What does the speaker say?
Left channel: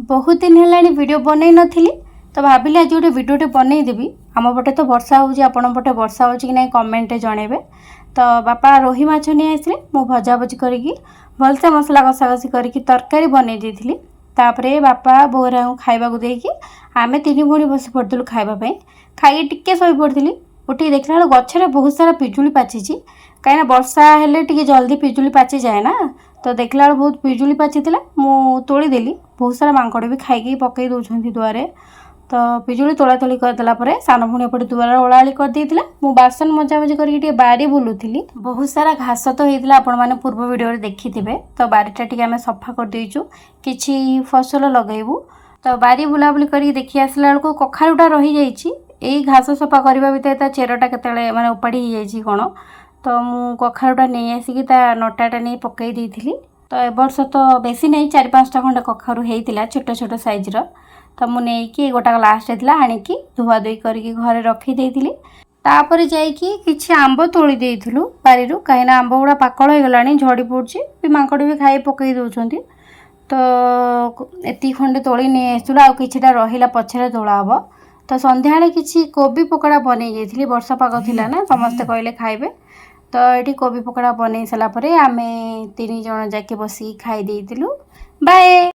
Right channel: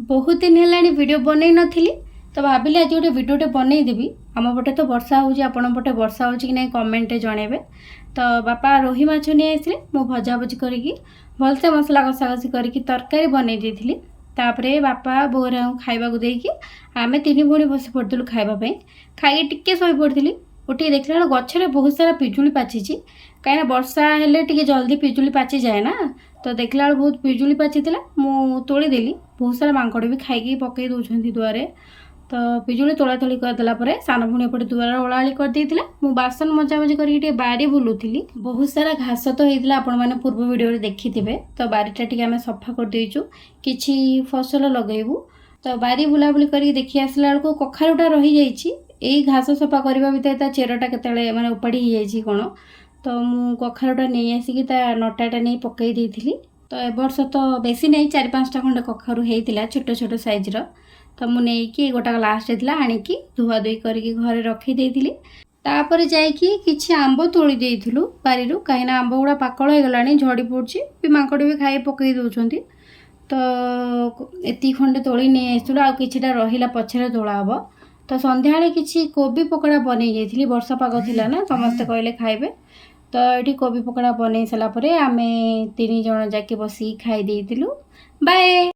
बहुत दिन है वीडियो बनई नथिली तो भाविली आज गोटे भिडियोटे बनईदेवी। आम पटे तो वर्षा होउची, आपण पटे वर्षा होउची कि नहीं कमेंट जनइबे। तो बापा रोही माछ नहीं आसले, मु भजा भजी करी भलसे मसला कषा कषी करी तरकारी बनई देइथिली। तापरे बापा बोरा खाइबा को देकी आमे तीन भणी बसी पड़लु खाइबा। खाई टिके शोई पड़ती, उठी देखला गछरे बहुत सारा पिजुली पाची, कहीं वर्षा हेले टिके जल्दी पिजुली पाची जाए ना। तो देखला बहुत पिजुली पाची मु तोड़ीदेली। बहुत सारा मांकड़ भी खाई पकई दौरान दुआरे। तो पिजुली तोला तोली करदेला सान भूणी एपटे दुआर ओलाली करदेला। मु बासन मजामजी करके बारी बुलूली। बहुत सारा घास तो होता आपण मैंने पूर्व वीडियो देखिथे। तो बारीटा टी आम सफा कर देचु, किछि फसल लगेबू। तो बारी बुलाबुली कर देखी आसला बेलू कखारुटा रही जाइए। यही घास सफा करने भितर चेरटा केतले माने उपाड़ी जाइए कौन। तो मु कखारुटा नहीं आसिकी नटाटा नहीं पकई देइथिली। तो ए वर्ष तो बेसी नहीं, 4-5टा खंडे कखारु होता छोट छोट साइजर। तो मुझे गोटा लास्ट होता आणिकी धुआ धुई करके घरे रखीदेली। तापर जाइकी किछि आंब तोड़ी देइथिलु बारी, कहीं आंब गुड़ा पाकल हो गलानी, झड़ी पड़ी भी, मांकड़ भी खाई पकई दौरान। तो एति खंडे तोड़ी नहीं आसलु, आउ किछिटा रहिला पछरे तोड़ा हम। तो संध्या किछि कोबी पकोड़ा बनै जाइथिली, वर्षा पाग थिला ना, समस्ते कहले खाइबे। तो ये कोबी पकोड़ा बनै सारा आमे 3 जण जाके बसी खाई देइथिलु। बाय।